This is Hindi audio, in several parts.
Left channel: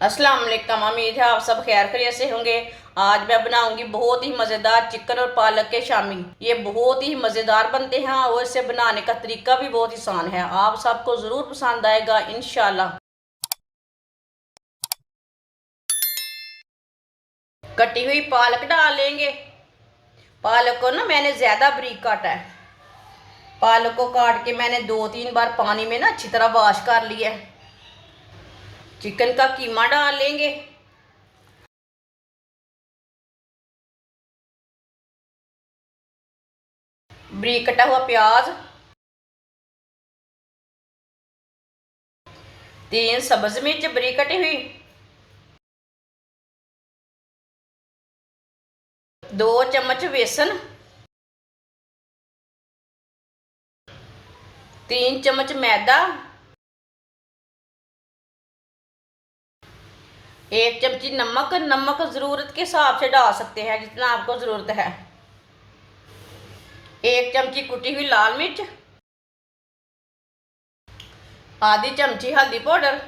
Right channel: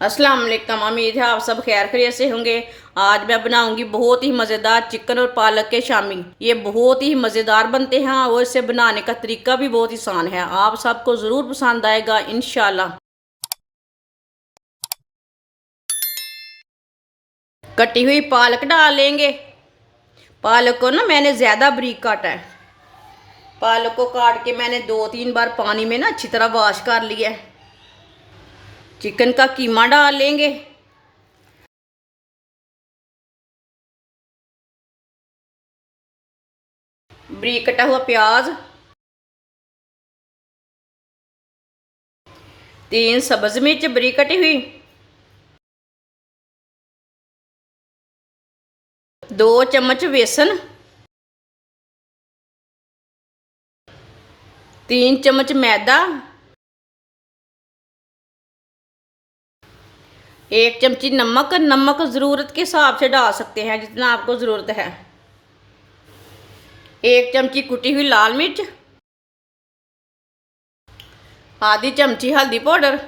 अस्सलाम वालेकुम। उम्मीद है आप सब खैर खैरियत से होंगे। आज मैं बनाऊंगी बहुत ही मज़ेदार चिकन और पालक के शामी। ये बहुत ही मज़ेदार बनते हैं और इसे बनाने का तरीका भी बहुत आसान है। आप सबको ज़रूर पसंद आएगा इंशाल्लाह। कटी हुई पालक डाल लेंगे। पालक को ना मैंने ज़्यादा बारीक काटा है। पालक को काट के मैंने 2-3 बार पानी में ना अच्छी तरह वॉश कर लिया है। चिकन का कीमा डाल लेंगे। बारीक कटा हुआ प्याज, 3 सब्ज मिर्च बारीक कटी हुई, 2 चम्मच बेसन, 3 चम्मच मैदा, 1 चमची नमक। नमक ज़रूरत के हिसाब से डाल सकते हैं जितना आपको ज़रूरत है। 1 चमची कुटी हुई लाल मिर्च, आधी चमची हल्दी पाउडर,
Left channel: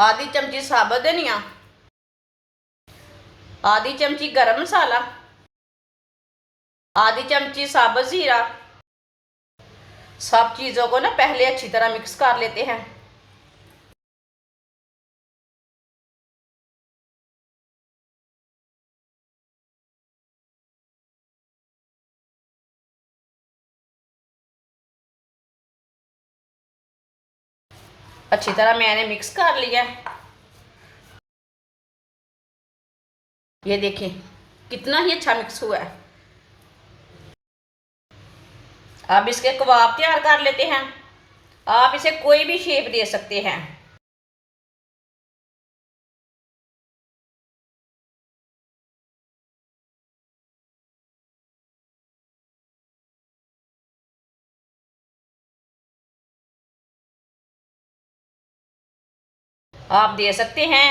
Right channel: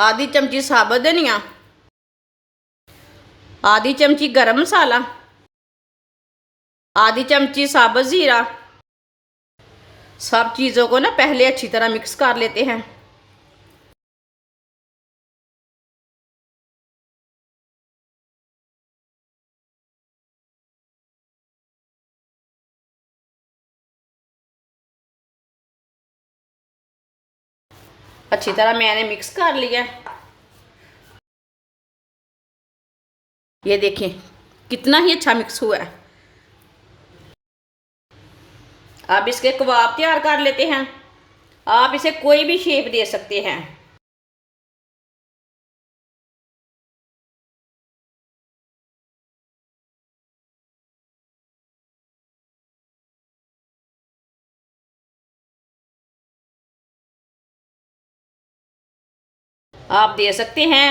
आधी चमची साबुत धनिया, आधी चमची गरम मसाला, आधी चमची साबुत ज़ीरा। सब चीज़ों को ना पहले अच्छी तरह मिक्स कर लेते हैं। अच्छी तरह मैंने मिक्स कर लिया। ये देखें कितना ही अच्छा मिक्स हुआ है। अब इसके कबाब तैयार कर लेते हैं। आप इसे कोई भी शेप दे सकते हैं। आप दे सकते हैं।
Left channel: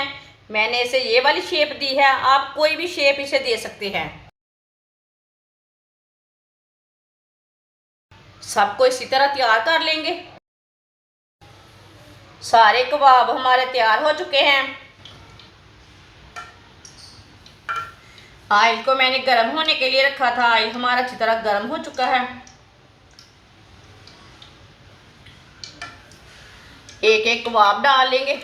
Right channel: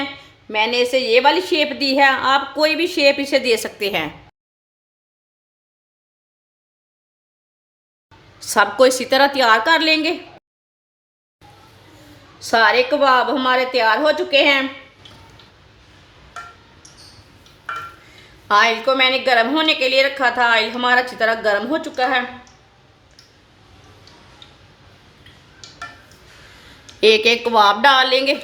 मैंने इसे ये वाली शेप दी है, आप कोई भी शेप इसे दे सकते हैं। सबको इसी तरह तैयार कर लेंगे। सारे कबाब हमारे तैयार हो चुके हैं। ऑयल को मैंने गर्म होने के लिए रखा था। ऑयल हमारा अच्छी तरह गर्म हो चुका है। एक एक कबाब डाल लेंगे।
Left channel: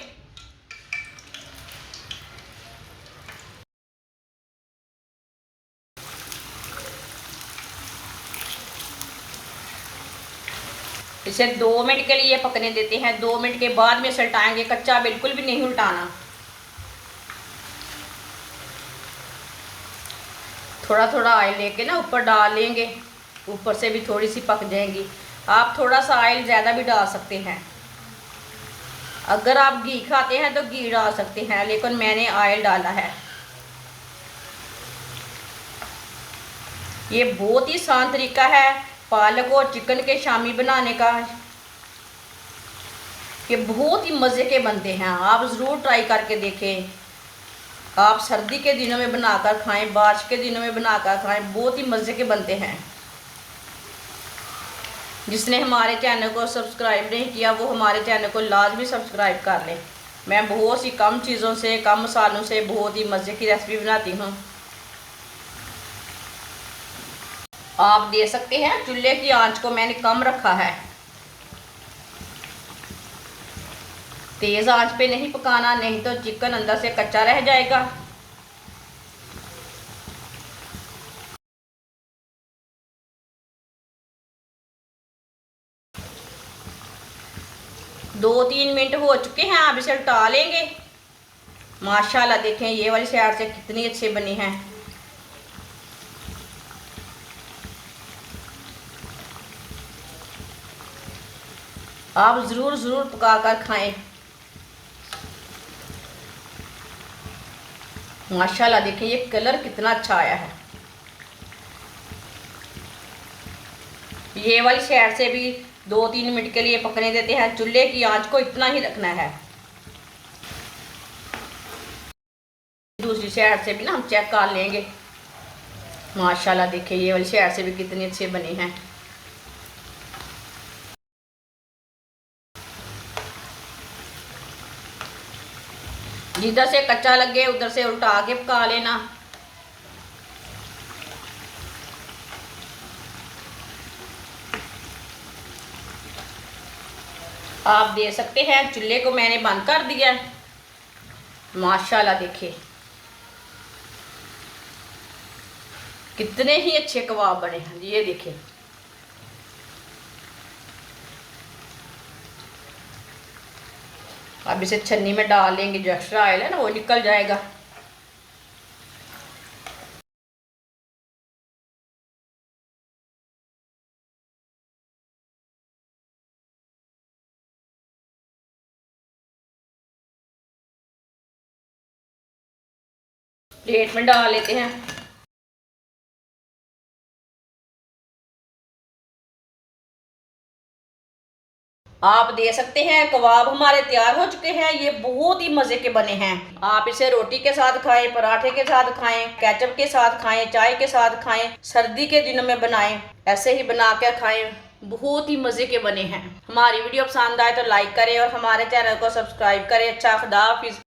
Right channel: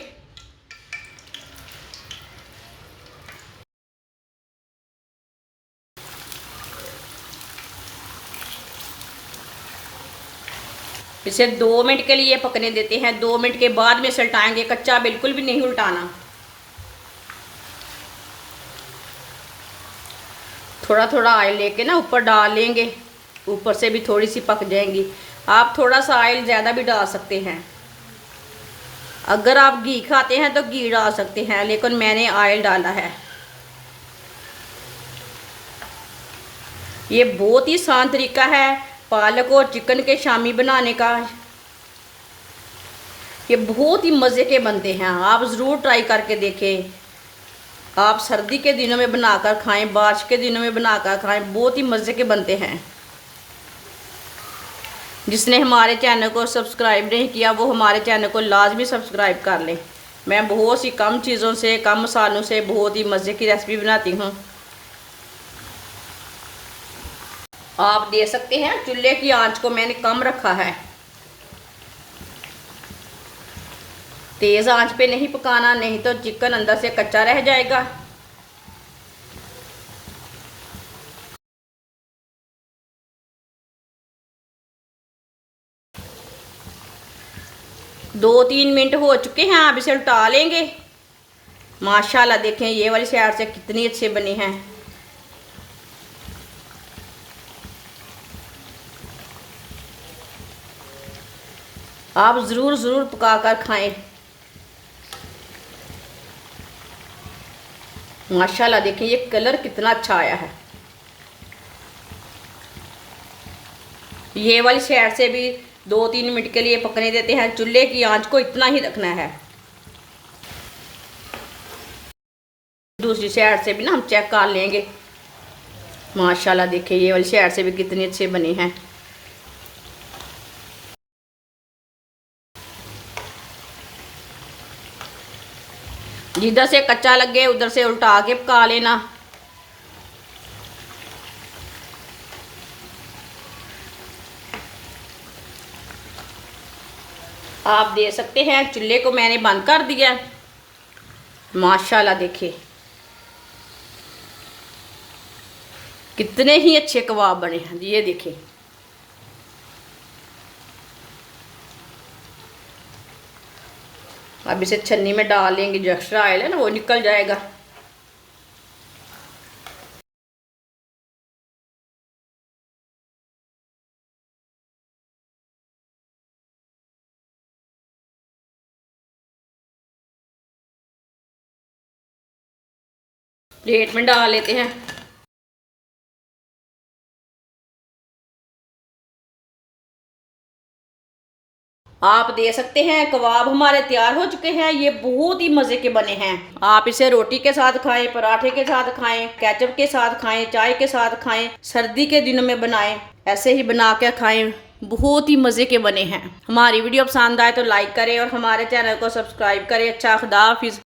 इसे 2 मिनट के लिए पकने देते हैं। 2 मिनट के बाद में उलटाएंगे। कच्चा बिल्कुल भी नहीं उल्टाना। थोड़ा थोड़ा ऑयल लेके ना ऊपर डाल लेंगे। ऊपर से भी थोड़ी सी पक जाएंगी। आप थोड़ा सा ऑयल ज़्यादा भी डाल सकते हैं। अगर आप घी खाते हैं तो घी डाल सकते हैं, लेकिन मैंने ऑयल डाला है। ये बहुत ही आसान तरीका है पालक और चिकन के शामी बनाने का। ये बहुत ही मज़े के बनते हैं। आप ज़रूर ट्राई करके देखें। आप सर्दी के दिनों में बनाकर खाएं, बारिश के दिनों में बनाकर खाएं, बहुत ही मज़े के बनते हैं। जिसने हमारे चैनल को सब्सक्राइब नहीं किया वो हमारे चैनल को लाजमी सब्सक्राइब कर लें। मैं बहुत सी कम चीज़ों से, कम मसालों से बहुत ही मज़े की रेसिपी बनाती हूँ। आप दे सकते हैं। चूल्हे की आंच को मैंने कम रखा है। तेज़ आंच पे नहीं पकाना, नहीं तो चिकन अंदर से कच्चा रह जाएगा। दो 3 मिनट हो चुके हैं। आप इसे उल्टा लेंगे। माशाल्लाह देखें ये वाली साइड से कितनी अच्छी बनी है। आप ज़रूर ज़रूर पका कर खाएं। माशाल्लाह देखिए ये कलर कितना अच्छा आया है। ये वाली साइड से भी 2-3 मिनट के लिए पकने देते हैं। चूल्हे की आंच को इतना ही रखना है। दूसरी साइड से भी ना हम चेक कर लेंगे। माशाल्लाह देखिए ये वाली साइड से भी कितनी अच्छी बनी है। जिधर से कच्चा लगे उधर से उल्टा के पका लेना। आप देख सकते हैं चूल्हे को मैंने बंद कर दिया है। माशाल्लाह देखिए कितने ही अच्छे कबाब बने हैं। ये देखिए अब इसे छन्नी में डाल लेंगे, जो एक्स्ट्रा ऑयल है ना वो निकल जाएगा। प्लेट में डाल लेते हैं। आप देख सकते हैं कबाब हमारे तैयार हो चुके हैं। ये बहुत ही मज़े के बने हैं। आप इसे रोटी के साथ खाएं, पराठे के साथ खाएं, केचप के साथ खाएं, चाय के साथ खाएं, सर्दी के दिनों में बनाएं, ऐसे ही बना के खाएं। बहुत ही मज़े के बने हैं। हमारी वीडियो पसंद आए तो लाइक करें और हमारे चैनल को सब्सक्राइब करें। अच्छा, खुदा हाफिज़।